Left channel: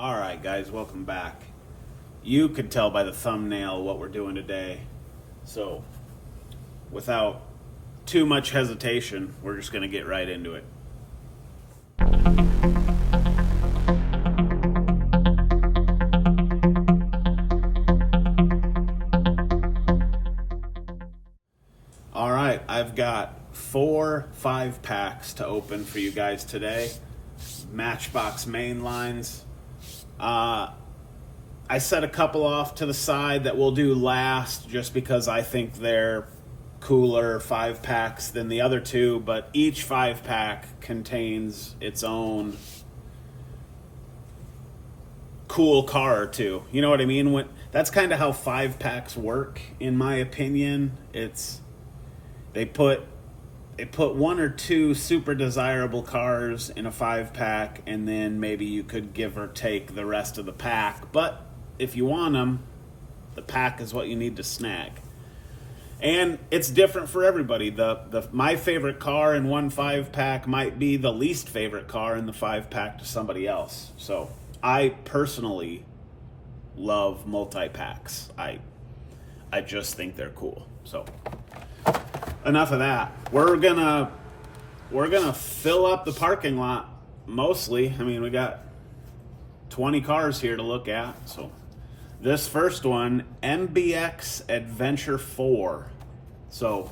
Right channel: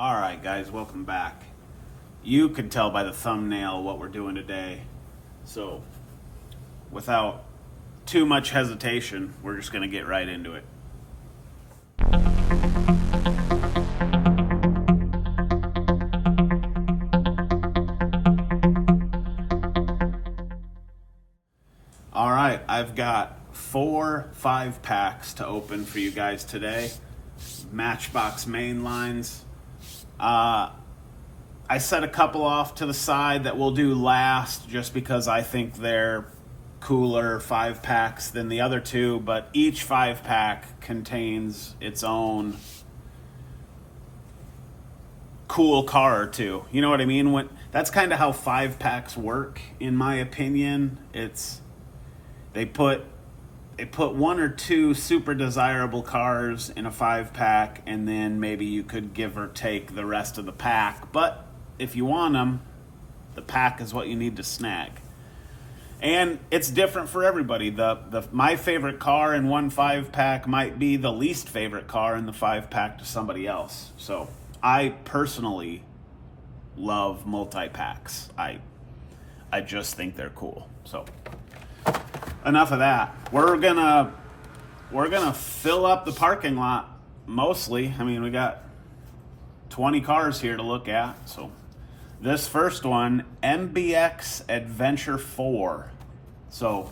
Alright guys, welcome back. You can tell by the thumbnail what we're doing today. So, without too much hesitation, we're just going to get right into it. Alright, I've got 4 5-packs to open for you guys today. Matchbox main lines. I set a couple off to the side that we'll do last just because I think they're cooler 5-packs than the other two, but each 5-pack contains its own cool car or two. You know what I mean? That's kind of how 5-packs work, in my opinion. They put 1 or 2 super desirable cars in a 5-pack, and then maybe you could give or take the rest of the pack. But if you want them, the pack is what you need to snag. And it's different for everybody. My favorite car in one 5-pack might be the least favorite car in the 5-pack to somebody else. So I personally love multi-packs. I just think they're cool. So enough of that. We're gonna fill up the parking lot mostly. I mean, we got 20 cars here to look at. So this first one, MBX Adventure 4. So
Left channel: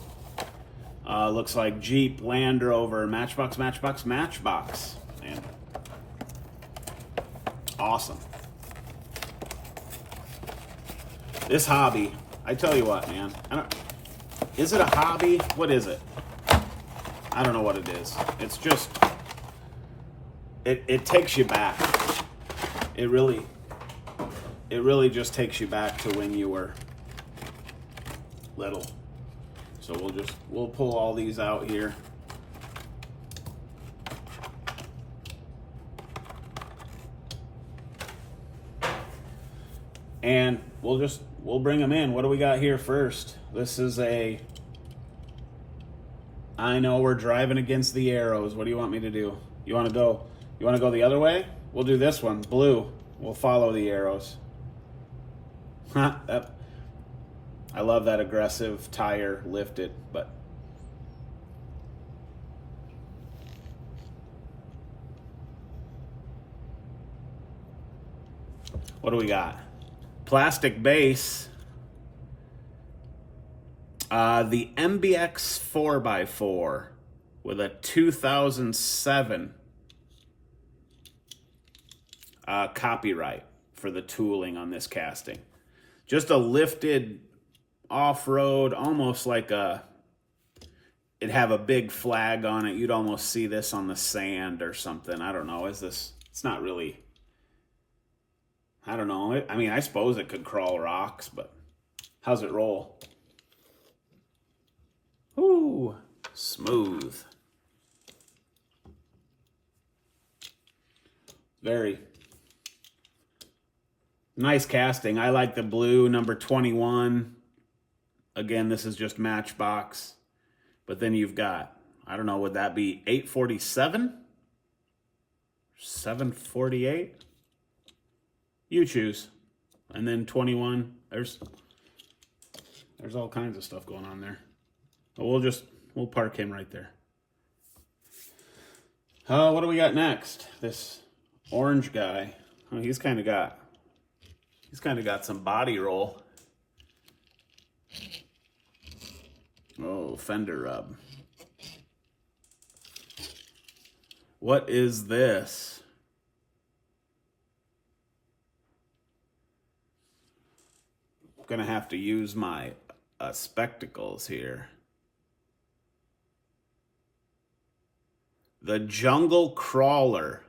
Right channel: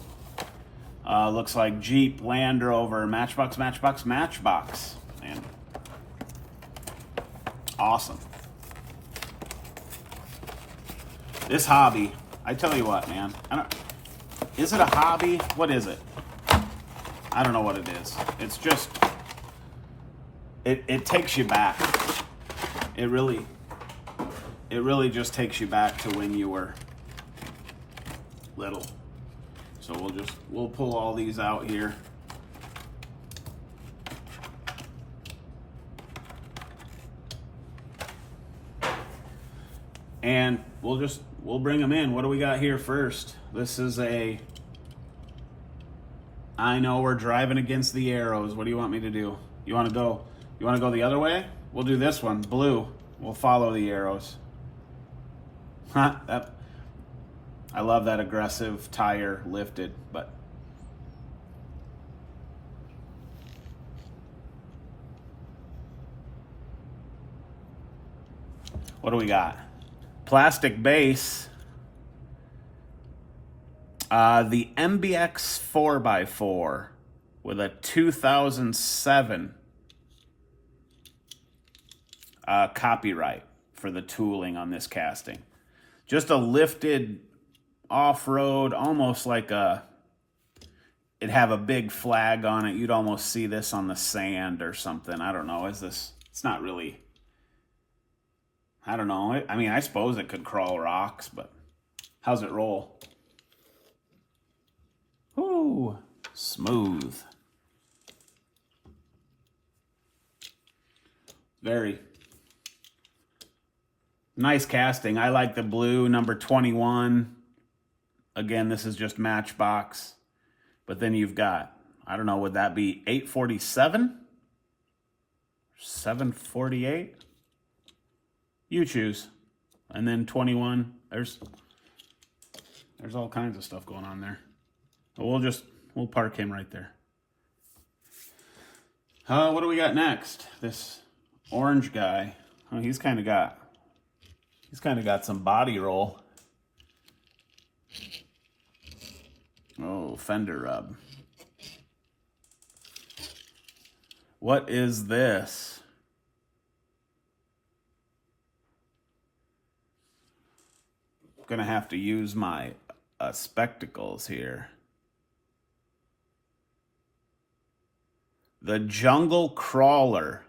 looks like Jeep, Land Rover, Matchbox. And awesome. This hobby, I tell you what, man. Is it a hobby? What is it? I don't know what it is. It's just, it takes you back. It really just takes you back to when you were little. So we'll pull all these out here. And we'll bring them in. What do we got here first? This is I know we're driving against the arrows. What do you want me to do? You want to go the other way? We'll do this one, blue. We'll follow the arrows. I love that aggressive tire lifted, but what do we got? Plastic base. The MBX 4x4 with a 2007 copyright for the tooling on this casting. Just a lifted off-road, almost like it'd have a big flag on it. You'd almost see this on the sand or something. I don't know. It's not really, I don't know. I mean, I suppose it could crawl rocks, but how's it roll? Ooh, smooth. Very nice casting. I like the blue, number 21. Again, this is just Matchbox. But then you've got, I don't know, would that be 847? 748? You choose. And then 21. There's all kinds of stuff going on there. But we'll park him right there. What do we got next? This orange guy. Oh, he's kind of got some body roll. Oh, fender rub. What is this? I'm gonna have to use my spectacles here. The Jungle Crawler.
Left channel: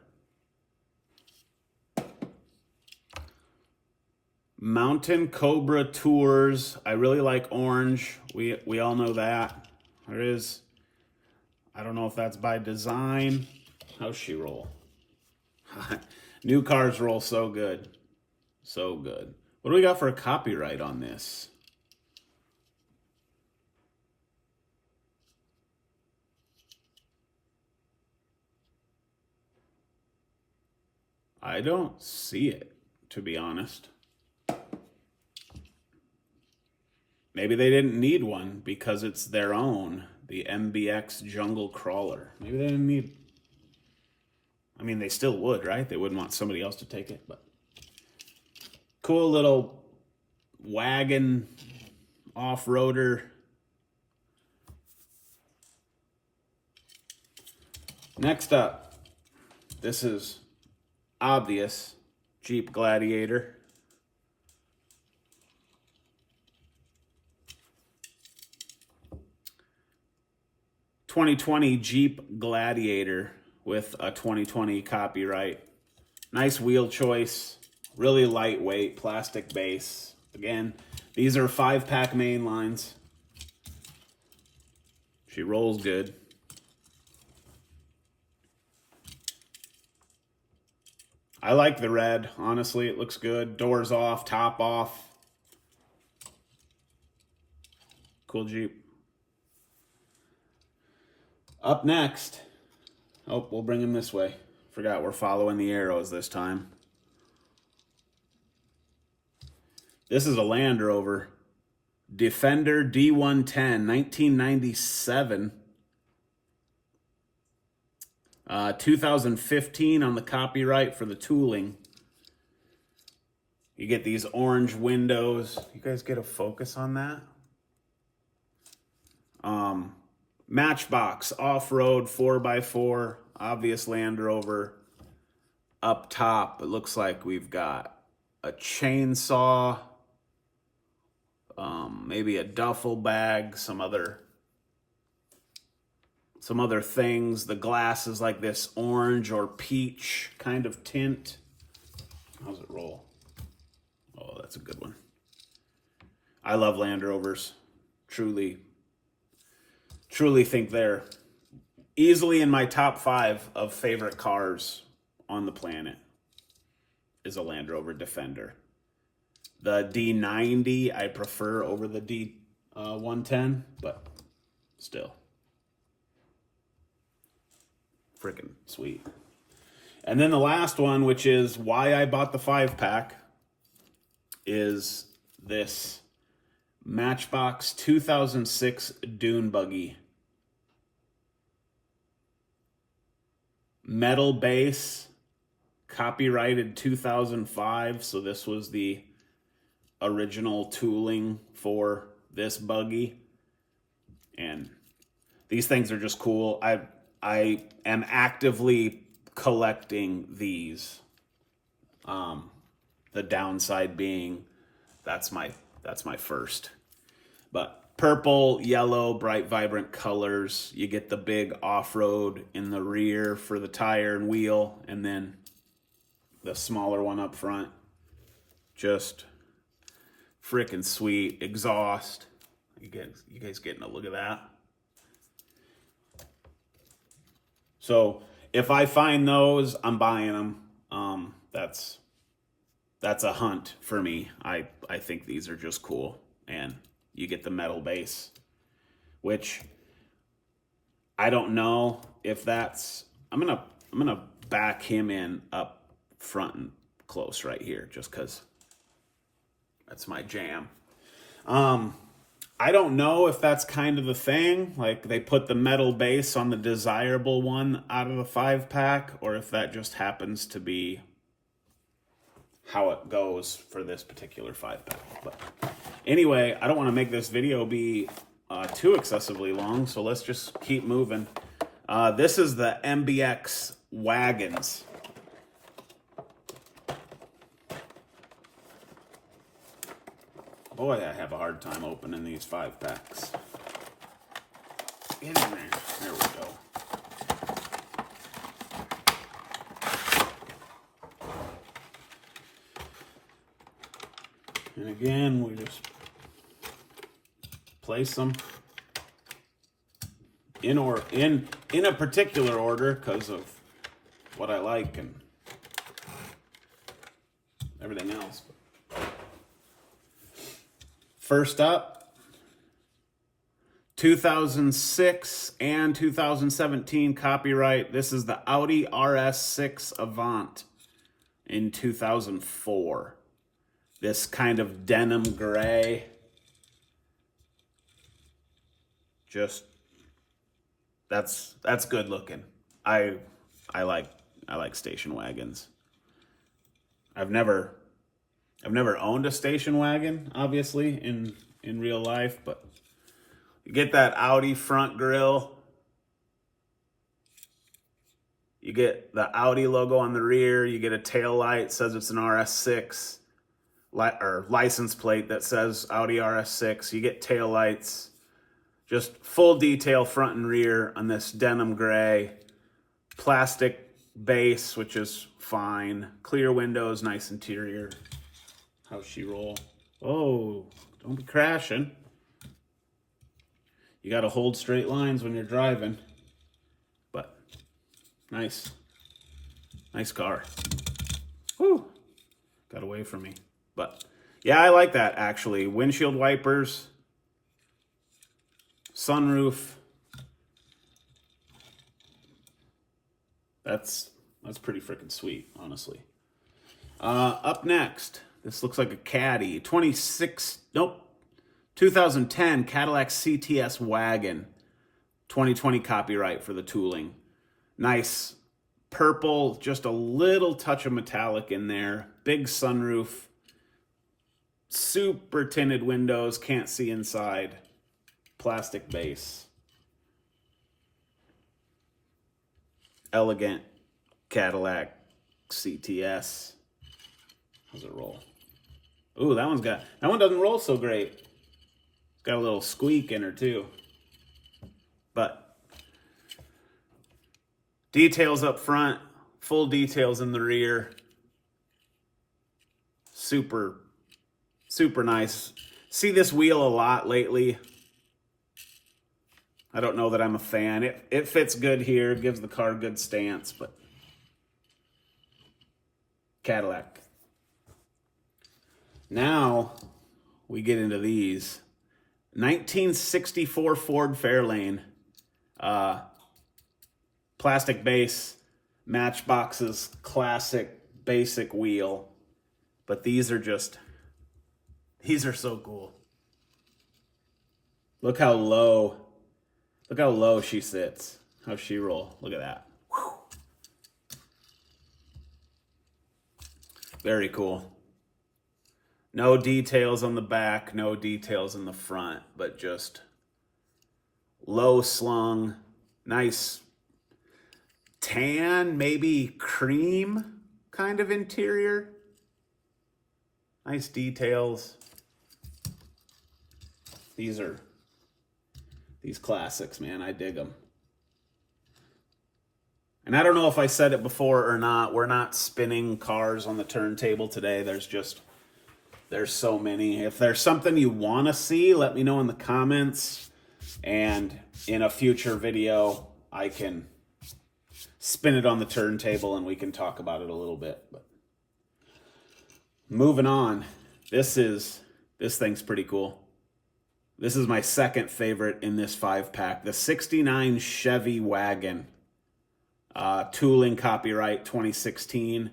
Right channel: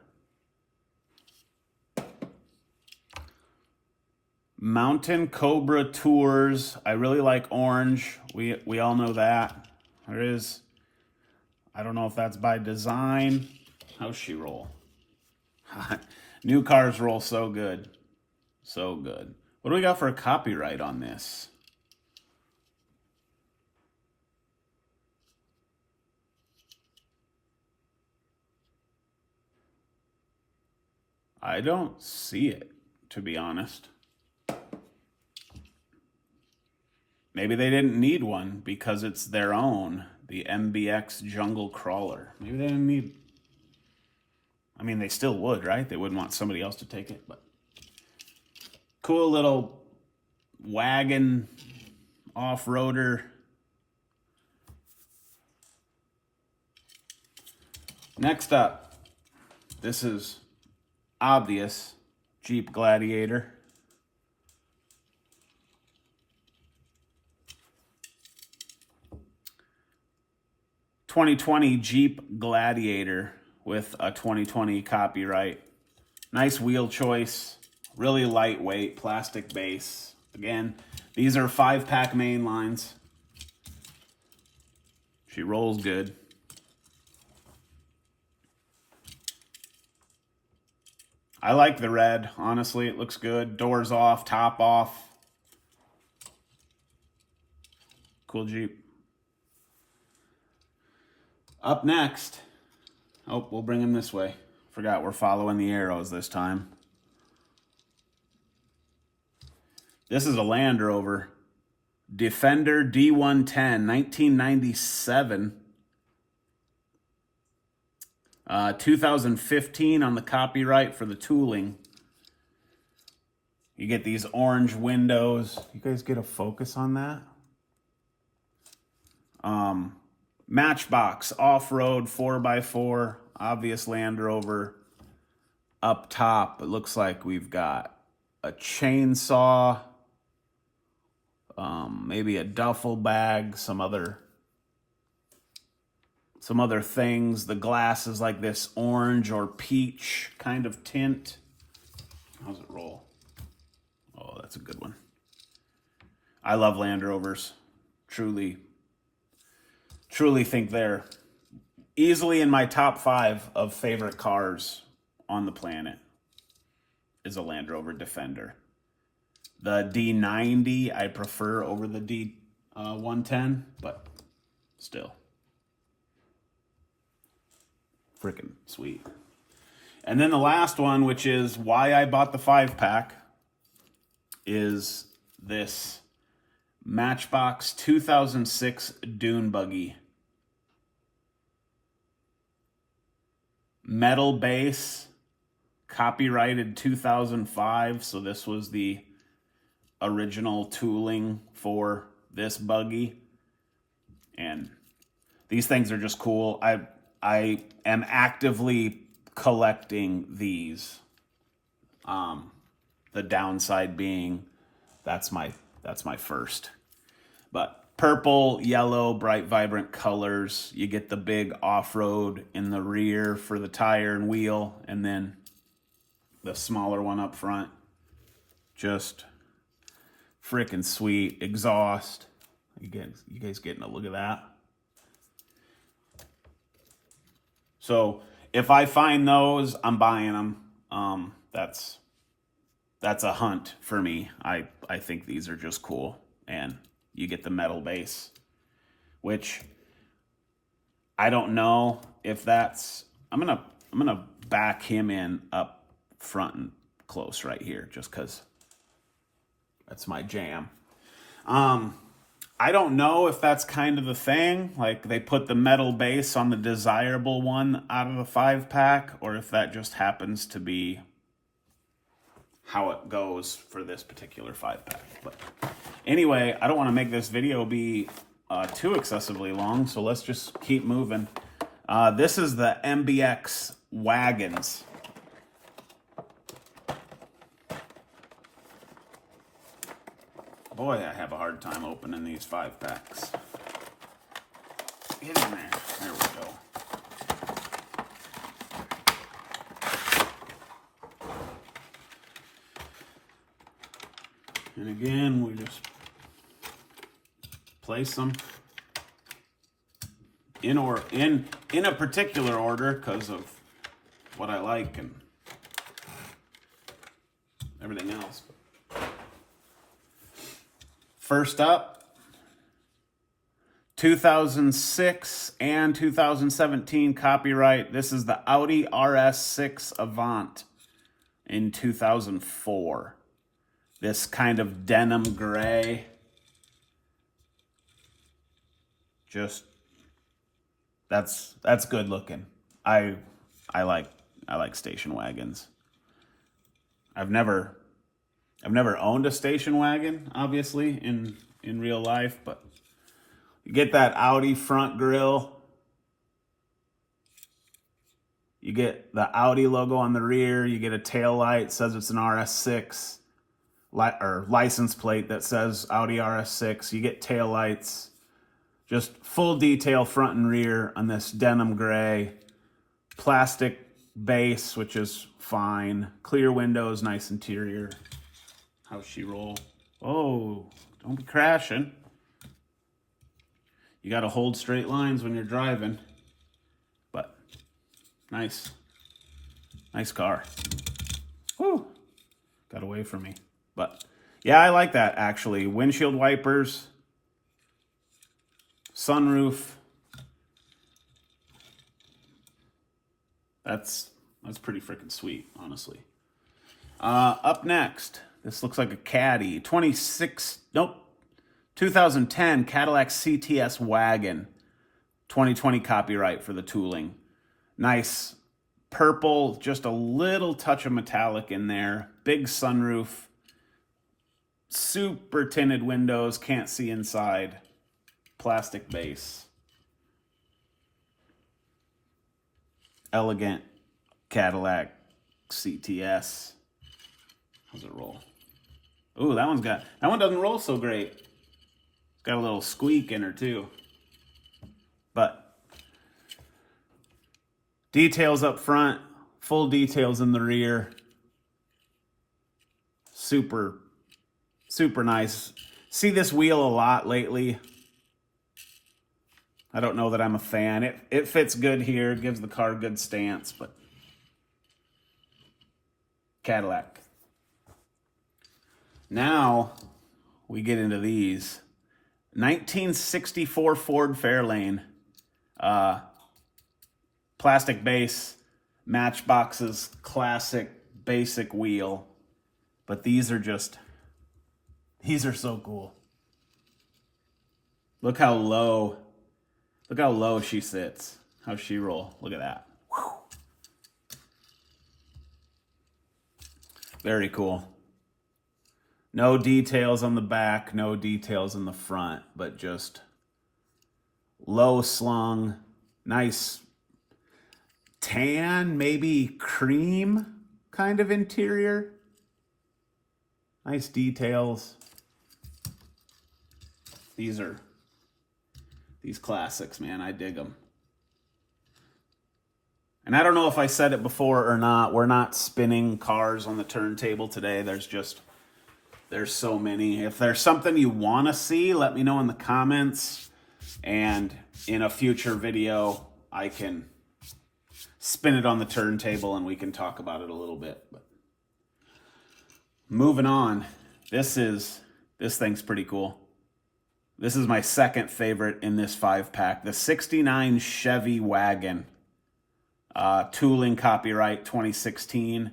Mountain Cobra Tours. I really like orange. We all know that. There is, I don't know if that's by design. How's she roll? New cars roll so good. So good. What do we got for a copyright on this? I don't see it, to be honest. Maybe they didn't need one because it's their own, the MBX Jungle Crawler. Maybe they didn't need... I mean, they still would, right? They wouldn't want somebody else to take it, but... Cool little wagon off-roader. Next up, this is obvious, Jeep Gladiator. ...2020 Jeep Gladiator with a 2020 copyright. Nice wheel choice, really lightweight, plastic base. Again, these are 5-pack main lines. She rolls good. I like the red, honestly, it looks good. Doors off, top off. Cool Jeep. Up next, oh, we'll bring him this way. Forgot we're following the arrows this time. This is a Land Rover. Defender D110, 1997. 2015 on the copyright for the tooling. You get these orange windows. You guys get a focus on that? Matchbox off-road 4x4, obvious Land Rover. Up top, it looks like we've got a chainsaw, maybe a duffel bag, some other things. The glass is like this orange or peach kind of tint. How's it roll? Oh, that's a good one. I love Land Rovers. Truly think they're easily in my top 5 of favorite cars on the planet is a Land Rover Defender. The D90 I prefer over the D110, but still. Freaking sweet. And then the last one, which is why I bought the 5-pack, is this Matchbox 2006 Dune Buggy. Metal base, copyrighted 2005, so this was the original tooling for this buggy. And these things are just cool. I am actively collecting these. The downside being that's my first. But purple, yellow, bright, vibrant colors. You get the big off-road in the rear for the tire and wheel, and then the smaller one up front. Just freaking sweet. Exhaust. You guys getting a look at that? So if I find those, I'm buying them. That's a hunt for me. I think these are just cool, and you get the metal base, which I don't know if that's. I'm gonna back him in up front and close right here, just because that's my jam. I don't know if that's kind of the thing, like they put the metal base on the desirable one out of the 5-pack, or if that just happens to be how it goes for this particular 5-pack. But anyway, I don't want to make this video be too excessively long, so let's just keep moving. This is the MBX wagons. Boy, I have a hard time opening these 5-packs. Get in there. There we go. And again, we just place them in a particular order because of what I like and everything else. First up, 2006 and 2017 copyright. This is the Audi RS6 Avant. in 2004. This kind of denim gray. Just, that's good looking. I like station wagons. I've never owned a station wagon, obviously, in real life, but you get that Audi front grille. You get the Audi logo on the rear. You get a tail light, says it's an RS6, or license plate that says Audi RS6. You get tail lights, just full detail front and rear on this denim gray, plastic base, which is fine. Clear windows, nice interior. How's she roll? Oh, don't be crashing. You got to hold straight lines when you're driving. But nice car. Whew, got away from me. But yeah, I like that actually. Windshield wipers, sunroof. That's pretty freaking sweet, honestly. Up next, this looks like a Caddy. 2010 Cadillac CTS wagon. 2020 copyright for the tooling. Nice purple, just a little touch of metallic in there. Big sunroof. Super tinted windows, can't see inside. Plastic base. Elegant Cadillac CTS. How's it roll? Ooh, that one doesn't roll so great. It's got a little squeak in her too. But details up front, full details in the rear. Super nice. See this wheel a lot lately. I don't know that I'm a fan. It fits good here, gives the car a good stance, but Cadillac. Now we get into these. 1964 Ford Fairlane. Plastic base, Matchbox's classic basic wheel. But these are so cool. Look how low she sits. How's she roll? Look at that. Whew. Very cool. No details on the back, no details in the front, but just low slung, nice tan, maybe cream kind of interior. Nice details. These classics, man. I dig them. And I don't know if I said it before or not. We're not spinning cars on the turntable today. There's so many. If there's something you want to see, let me know in the comments. And in a future video, I can spin it on the turntable and we can talk about it a little bit. But moving on. This thing's pretty cool. This is my second favorite in this 5-pack. The 69 Chevy wagon. Tooling copyright 2016.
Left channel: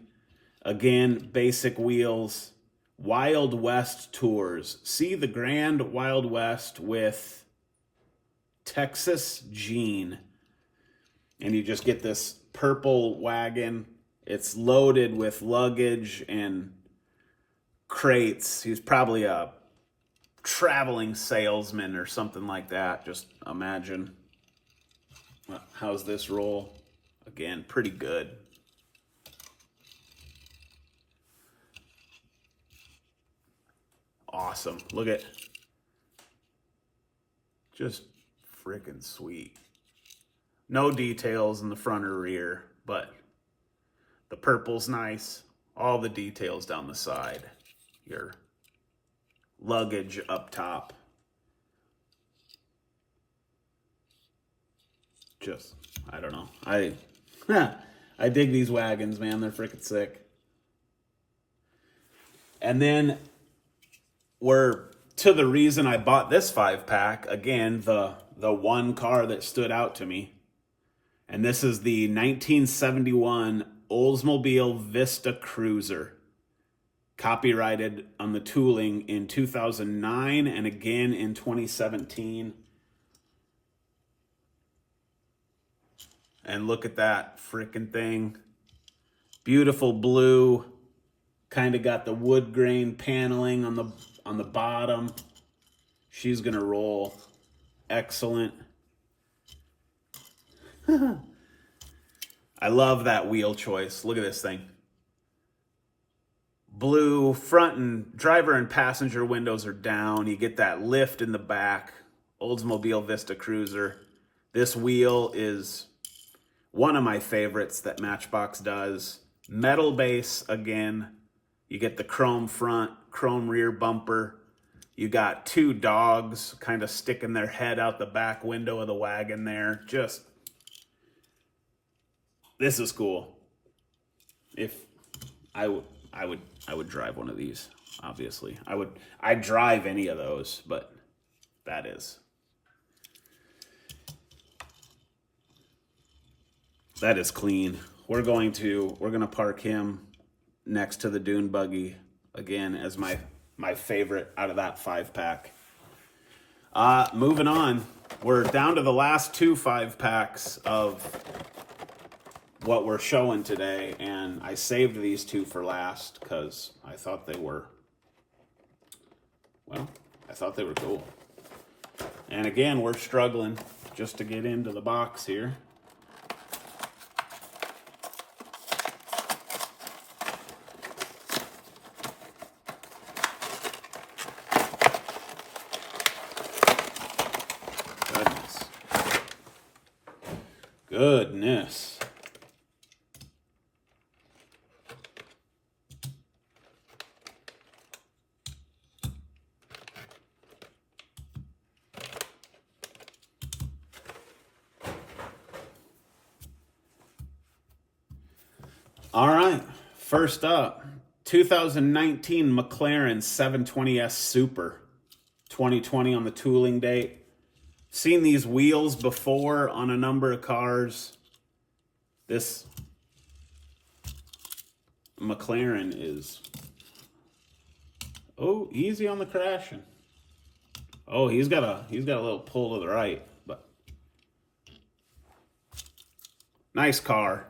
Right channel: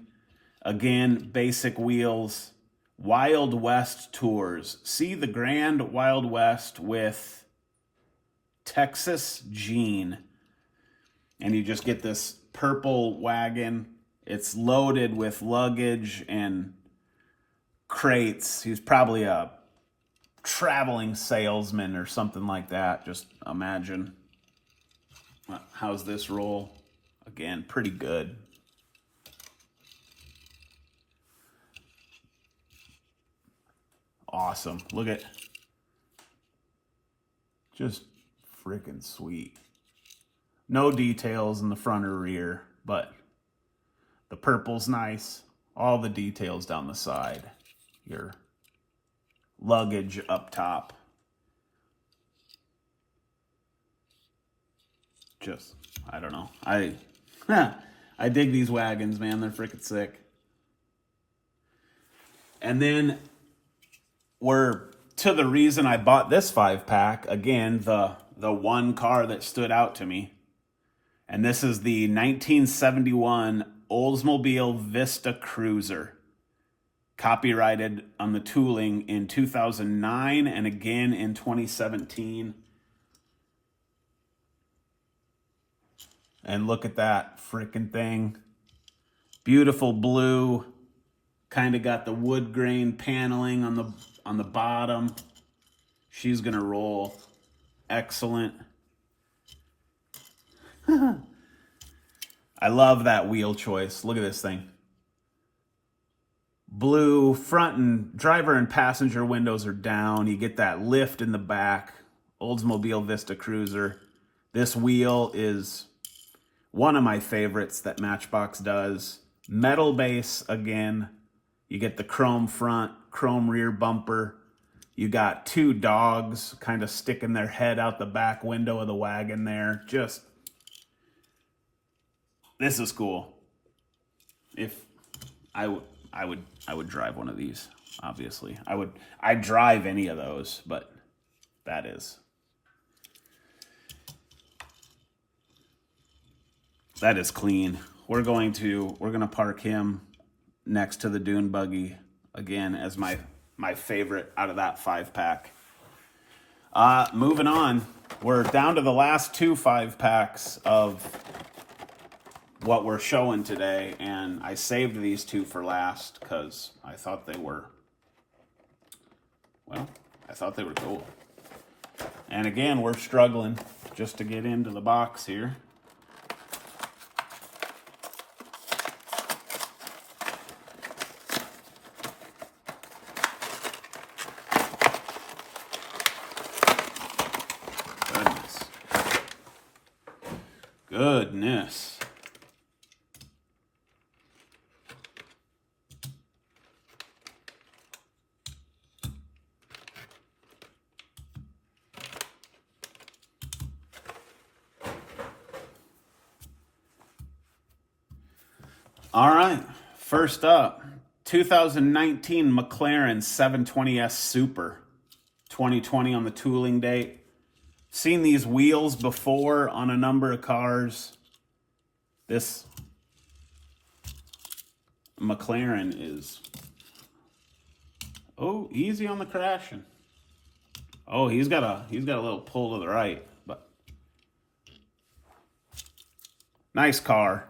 Again, basic wheels. Wild West Tours. See the Grand Wild West with Texas Jean. And you just get this purple wagon. It's loaded with luggage and crates. He's probably a traveling salesman or something like that. Just imagine. How's this roll? Again, pretty good. Awesome. Look at, just freaking sweet. No details in the front or rear, but the purple's nice. All the details down the side. Your luggage up top. Just, I don't know. I dig these wagons, man. They're freaking sick. And then we're to the reason I bought this 5-pack. Again, the one car that stood out to me. And this is the 1971 Oldsmobile Vista Cruiser. Copyrighted on the tooling in 2009 and again in 2017. And look at that freaking thing. Beautiful blue. Kind of got the wood grain paneling on the bottom. She's gonna roll. Excellent. I love that wheel choice. Look at this thing. Blue front and driver and passenger windows are down. You get that lift in the back. Oldsmobile Vista Cruiser. This wheel is one of my favorites that Matchbox does. Metal base again. You get the chrome front, chrome rear bumper. You got two dogs kind of sticking their head out the back window of the wagon there. Just, this is cool. If I would drive one of these, obviously. I'd drive any of those, but that is clean. We're gonna park him next to the dune buggy again as my favorite out of that 5-pack. Moving on, we're down to the last two 5-packs of what we're showing today, and I saved these two for last because I thought they were cool. And again, we're struggling just to get into the box here. Goodness. All right, first up, 2019 McLaren 720S Super, 2020 on the tooling date. Seen these wheels before on a number of cars. This McLaren is, oh, easy on the crashing. Oh, he's got a little pull to the right, but nice car.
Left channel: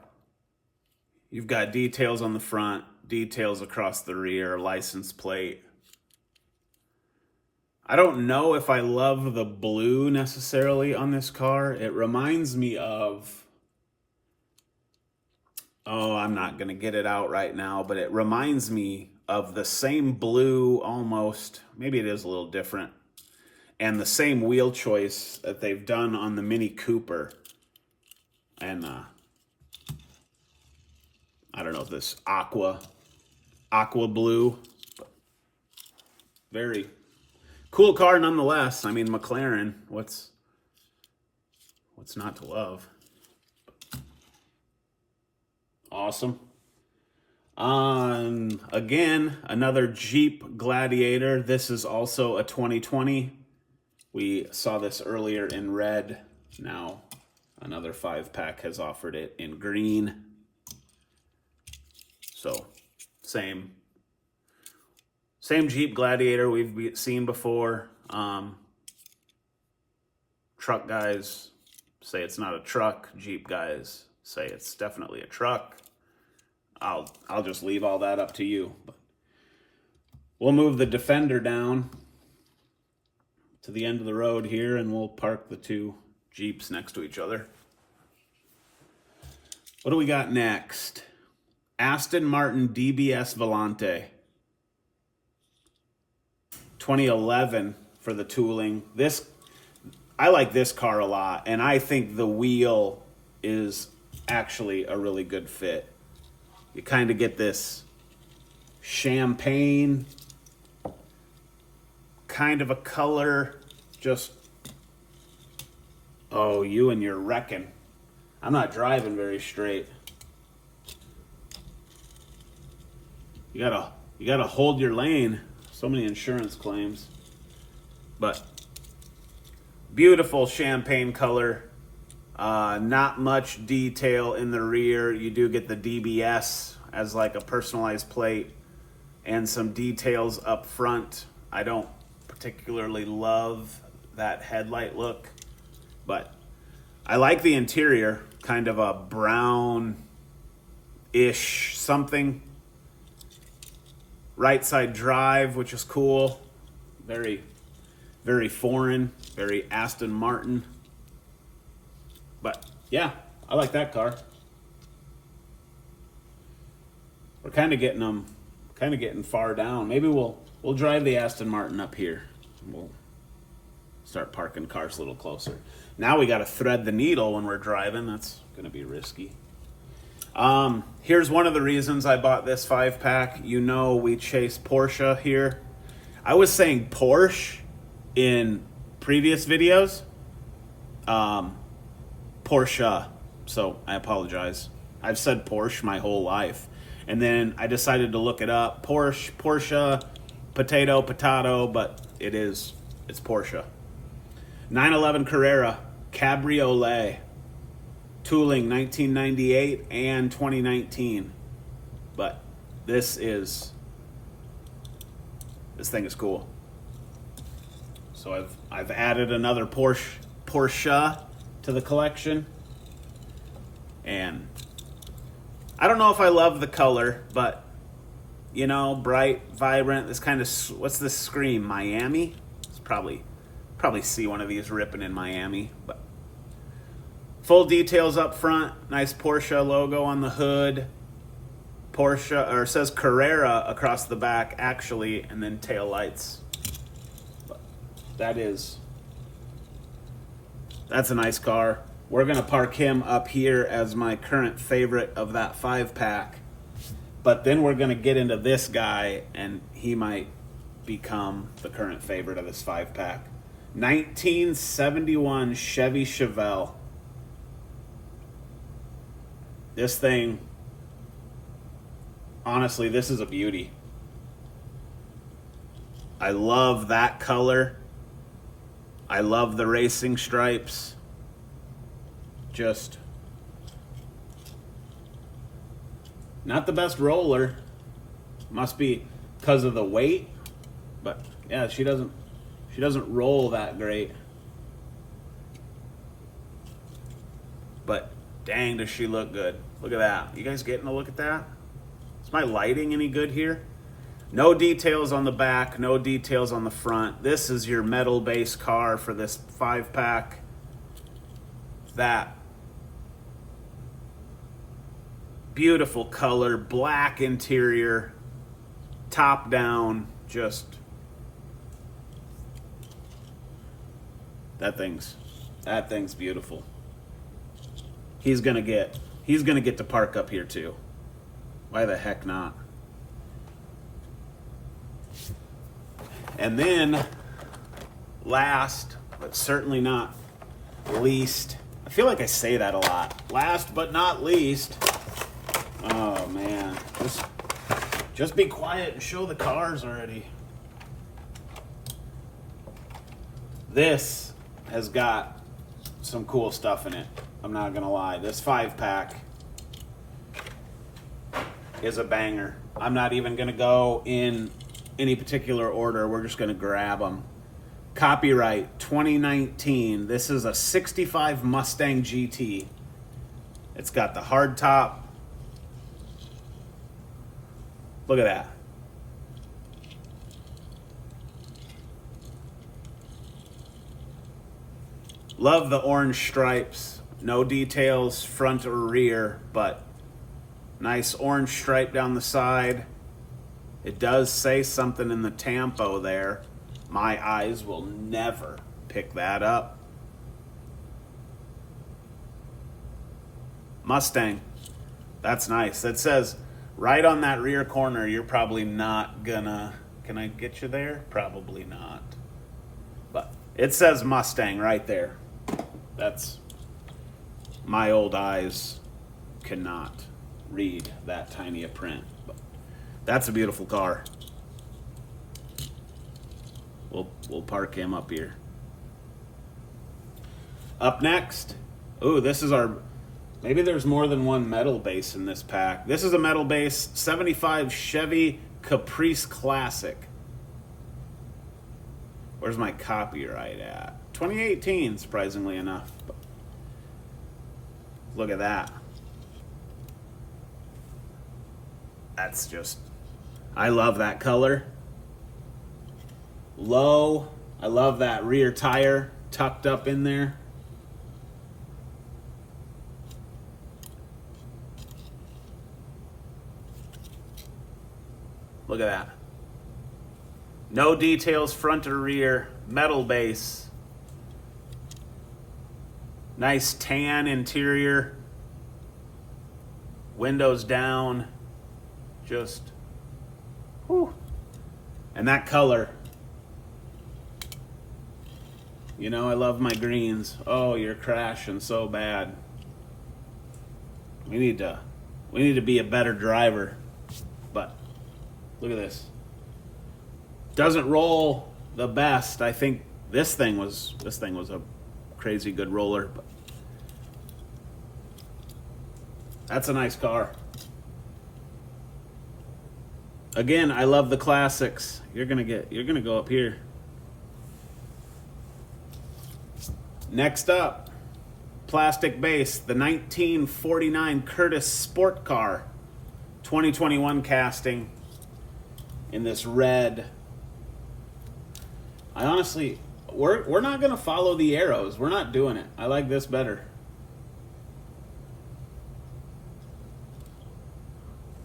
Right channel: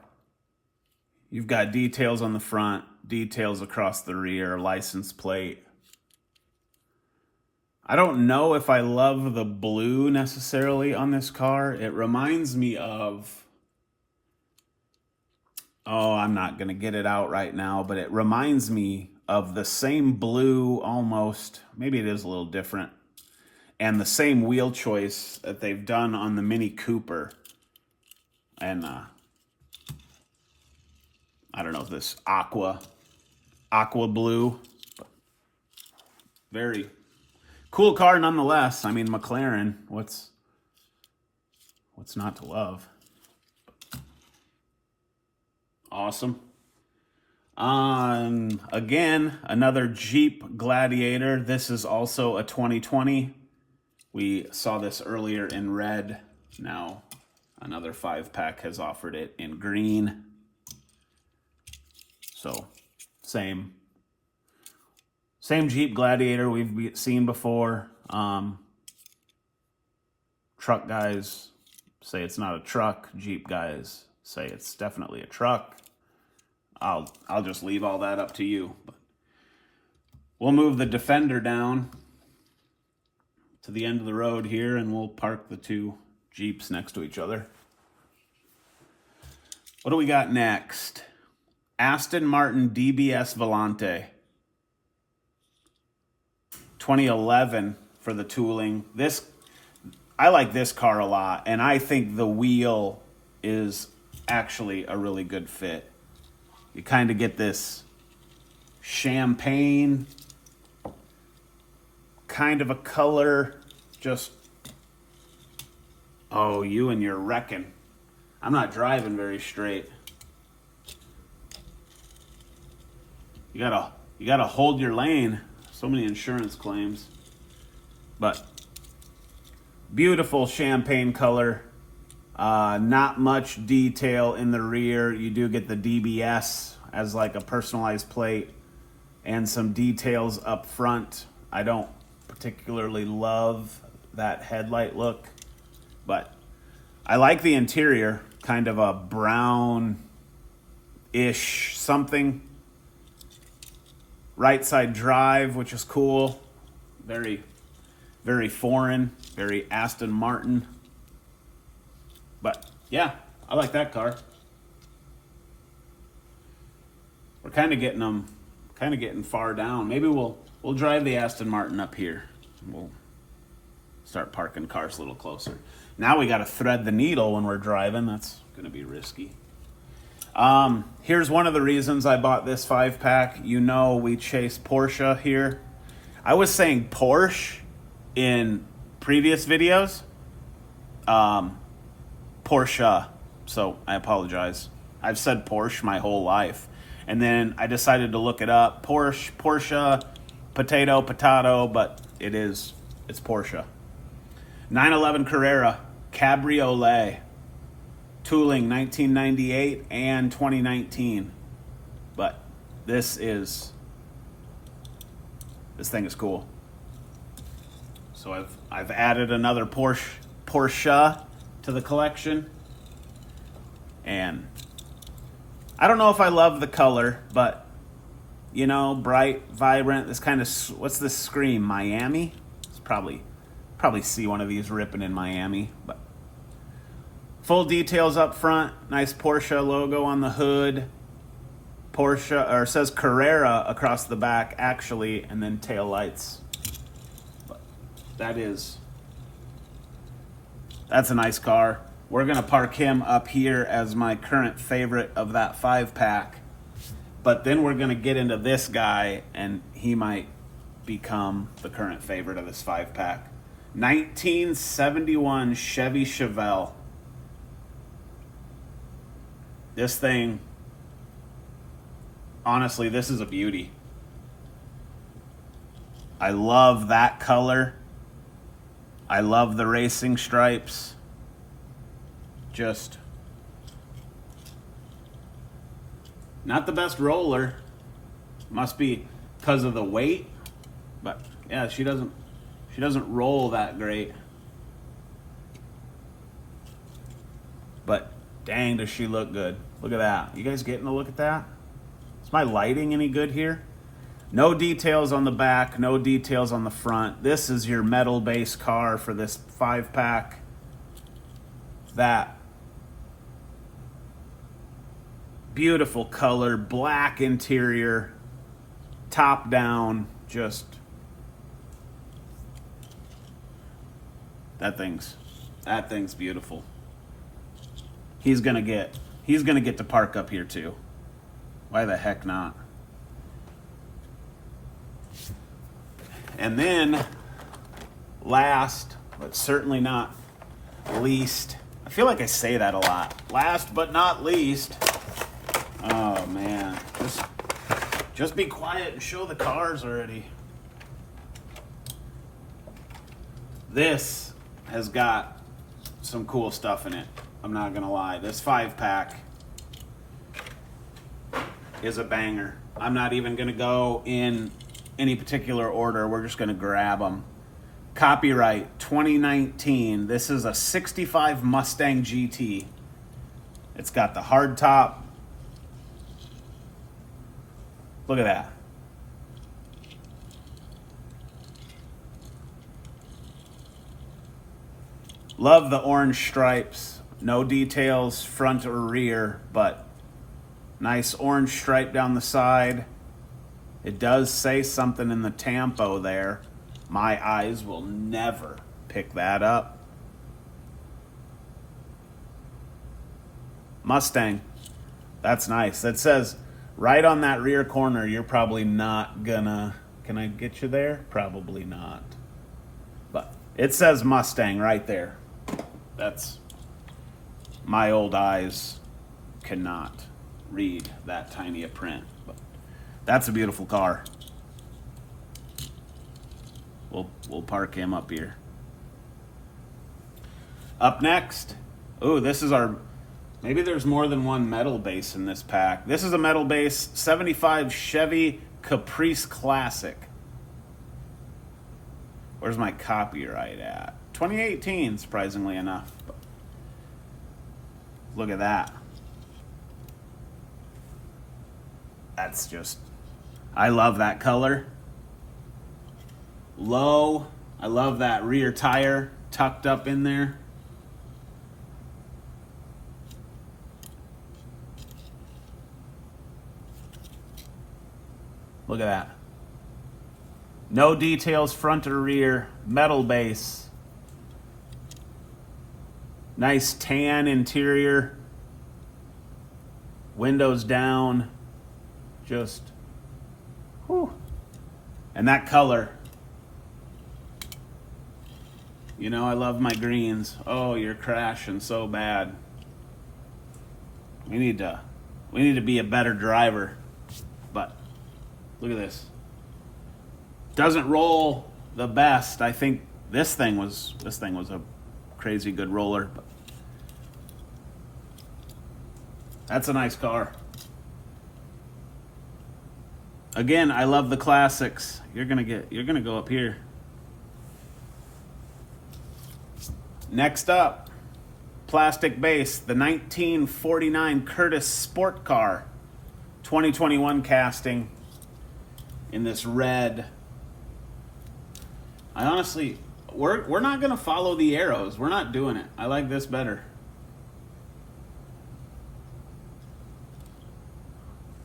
You've got details on the front, details across the rear, license plate. I don't know if I love the blue necessarily on this car. It reminds me of, oh, I'm not going to get it out right now, but it reminds me of the same blue almost. Maybe it is a little different. And the same wheel choice that they've done on the Mini Cooper. And I don't know if this aqua blue. Very cool car nonetheless. I mean, McLaren, what's not to love? Awesome. Again, another Jeep Gladiator. This is also a 2020. We saw this earlier in red. Now another 5-pack has offered it in green. So same Jeep Gladiator we've seen before. Truck guys say it's not a truck. Jeep guys say it's definitely a truck. I'll just leave all that up to you. But we'll move the Defender down to the end of the road here, and we'll park the two Jeeps next to each other. What do we got next? Aston Martin DBS Volante. 2011 for the tooling. I like this car a lot, and I think the wheel is actually a really good fit. You kind of get this champagne kind of a color. Just, oh, you and your wrecking. I'm not driving very straight. You gotta hold your lane. So many insurance claims. But beautiful champagne color. Not much detail in the rear. You do get the DBS as like a personalized plate and some details up front. I don't particularly love that headlight look, but I like the interior, kind of a brown-ish something. Right side drive, which is cool. Very, very foreign, very Aston Martin. But yeah, I like that car. We're kind of getting far down. Maybe we'll drive the Aston Martin up here. We'll start parking cars a little closer. Now we got to thread the needle when we're driving. That's going to be risky. Here's one of the reasons I bought this 5-pack. You know we chase Porsche here. I was saying Porsche in previous videos. Porsche, so I apologize. I've said Porsche my whole life. And then I decided to look it up. Porsche, potato, but it's Porsche. 911 Carrera, Cabriolet. Tooling 1998 and 2019. But this thing is cool. So I've added another Porsche to the collection. And I don't know if I love the color, but you know, bright, vibrant, this kind of, what's this scream, Miami? It's probably see one of these ripping in Miami, but full details up front, nice Porsche logo on the hood. Porsche, or it says Carrera across the back actually, and then tail lights. But that's a nice car. We're gonna park him up here as my current favorite of that 5-pack. But then we're gonna get into this guy, and he might become the current favorite of this 5-pack. 1971 Chevy Chevelle. This thing, honestly, this is a beauty. I love that color. I love the racing stripes. Just not the best roller. Must be because of the weight. But yeah, she doesn't roll that great. But dang, does she look good. Look at that. You guys getting a look at that? Is my lighting any good here? No details on the back, no details on the front. This is your metal base car for this 5-pack. That beautiful color, black interior, top down, just that thing's beautiful. He's gonna get to park up here too. Why the heck not? And then last, but certainly not least, I feel like I say that a lot. Last but not least, oh man, just be quiet and show the cars already. This has got some cool stuff in it. I'm not gonna lie. This 5-pack is a banger. I'm not even gonna go in any particular order. We're just gonna grab them. Copyright 2019. This is a 65 Mustang GT. It's got the hard top. Look at that. Love the orange stripes. No details front or rear, but nice orange stripe down the side. It does say something in the tampo there. My eyes will never pick that up. Mustang. That's nice. That says right on that rear corner, you're probably not gonna... Can I get you there? Probably not. But it says Mustang right there. That's... My old eyes cannot read that tiny a print. But that's a beautiful car. We'll park him up here. Up next, Ooh, this is our... Maybe there's more than one metal base in this pack. This is a metal base, 75 Chevy Caprice Classic. Where's my copyright at? 2018, surprisingly enough. Look at that. That's just... I love that color. Low. I love that rear tire tucked up in there. Look at that. No details front or rear. Metal base. Nice tan interior. Windows down. Just... whew. And that color. You know, I love my greens. Oh, you're crashing so bad. We need to be a better driver. But look at this. Doesn't roll the best. I think this thing was a crazy good roller. But that's a nice car. Again, I love the classics. You're gonna go up here. Next up, plastic base, the 1949 Curtis Sport Car, 2021 casting in this red. I honestly, we're not gonna follow the arrows. We're not doing it. I like this better.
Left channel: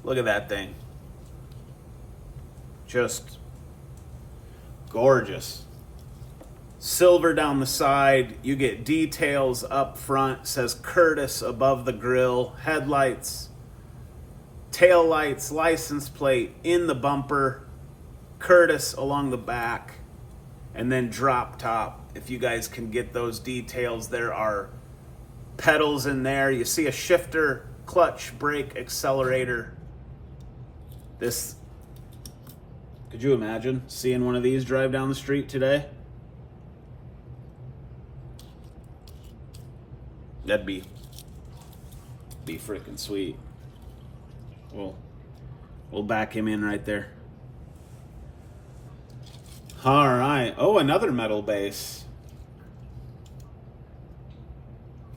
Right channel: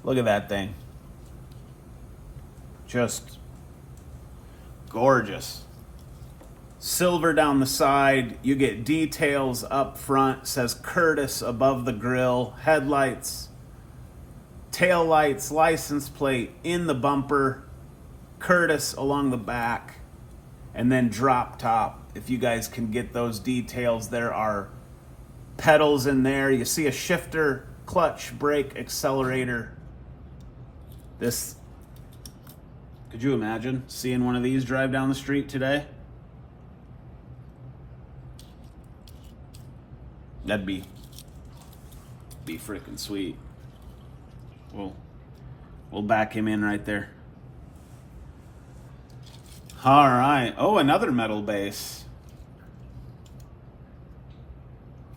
Look at that thing. Just gorgeous. Silver down the side. You get details up front. Says Curtis above the grill. Headlights, tail lights, license plate in the bumper. Curtis along the back. And then drop top. If you guys can get those details, there are pedals in there. You see a shifter, clutch, brake, accelerator. This... could you imagine seeing one of these drive down the street today? That'd be freaking sweet. We'll back him in right there. All right. Oh, another metal base.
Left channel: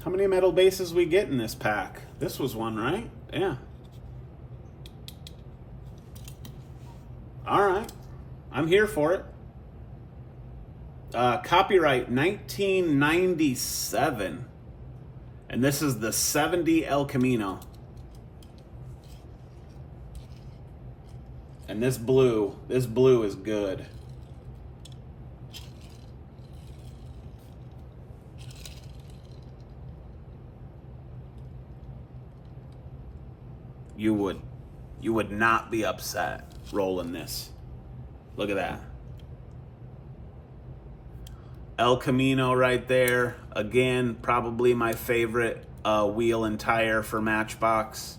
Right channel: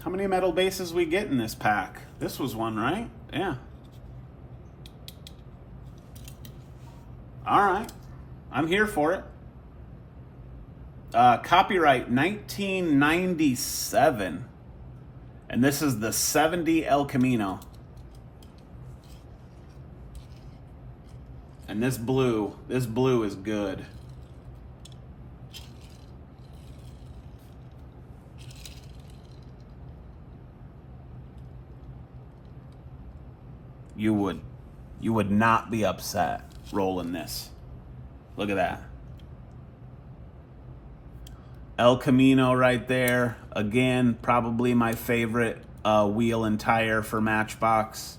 How many metal bases we get in this pack? This was one, right? Yeah. All right, I'm here for it. Copyright 1997, and this is the 70 El Camino. And this blue is good. You would not be upset rolling this. Look at that. El Camino right there. Again, probably my favorite wheel and tire for Matchbox.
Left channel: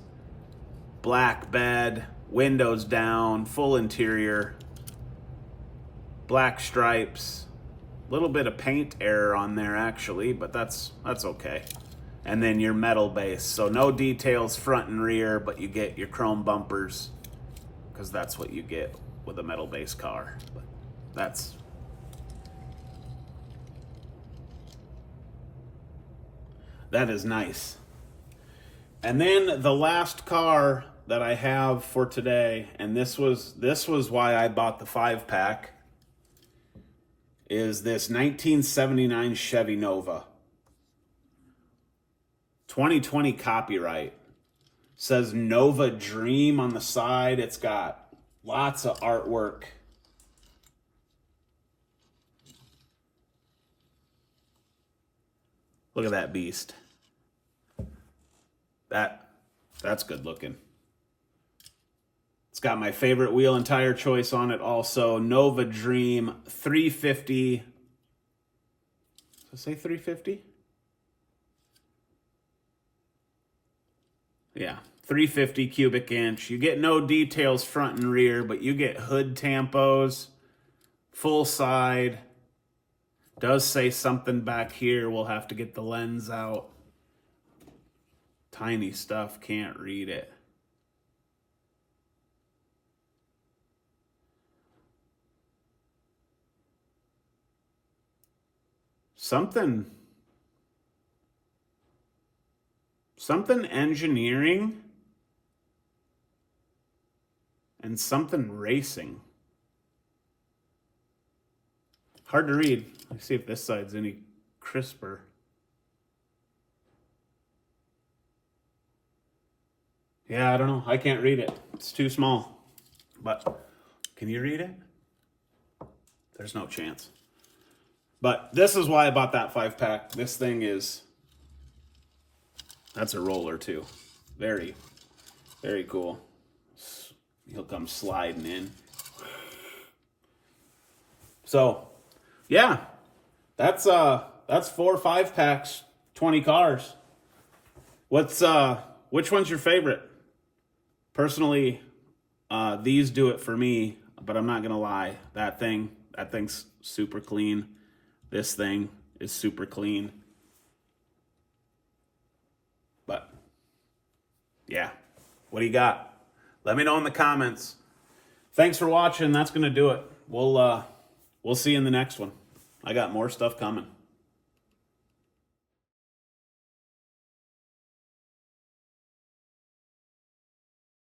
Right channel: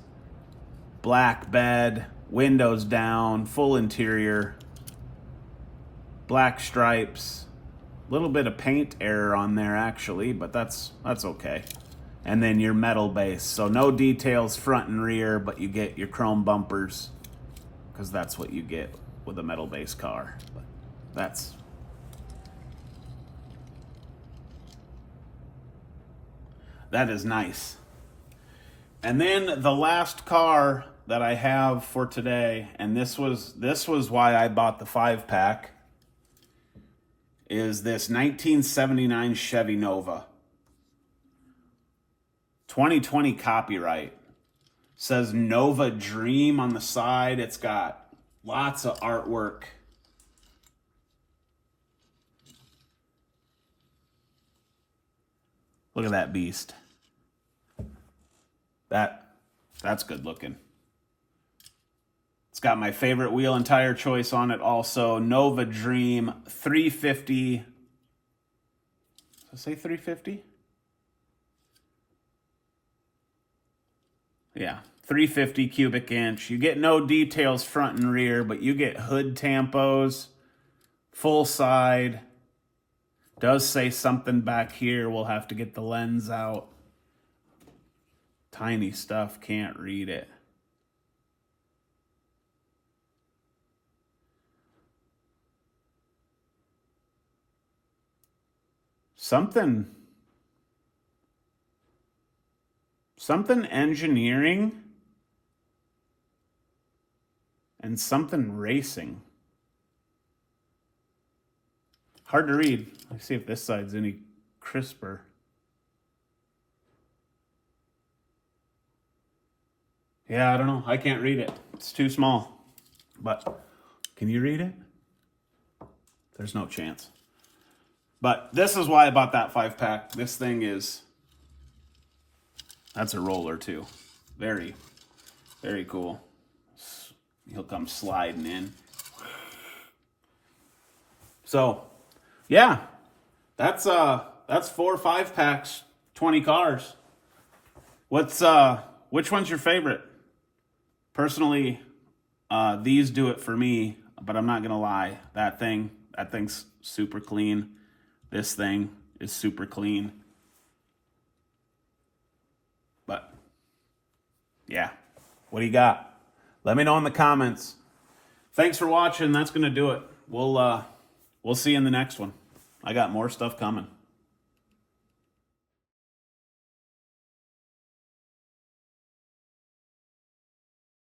Black bed, windows down, full interior. Black stripes. A little bit of paint error on there actually, but that's okay. And then your metal base. So no details front and rear, but you get your chrome bumpers, because that's what you get with a metal base car. But that is nice. And then the last car that I have for today, and this was why I bought the 5-pack, is this 1979 Chevy Nova. 2020 copyright. Says Nova Dream on the side. It's got lots of artwork. Look at that beast. That's good looking. It's got my favorite wheel and tire choice on it also. Nova Dream 350. Does it say 350? Yeah, 350 cubic inch. You get no details front and rear, but you get hood tampos, full side. Does say something back here. We'll have to get the lens out. Tiny stuff, can't read it. Something engineering and something racing. Hard to read. Let's see if this side's any crisper. Yeah, I don't know. I can't read it. It's too small. But can you read it? There's no chance. But this is why I bought that 5-pack. This thing is... That's a roller too. Very, very cool. He'll come sliding in. So, yeah. That's 4 5-packs, 20 cars. Which one's your favorite? Personally, these do it for me, but I'm not gonna lie. That thing's super clean. This thing is super clean. But yeah, what do you got? Let me know in the comments. Thanks for watching. That's gonna do it. We'll see you in the next one. I got more stuff coming.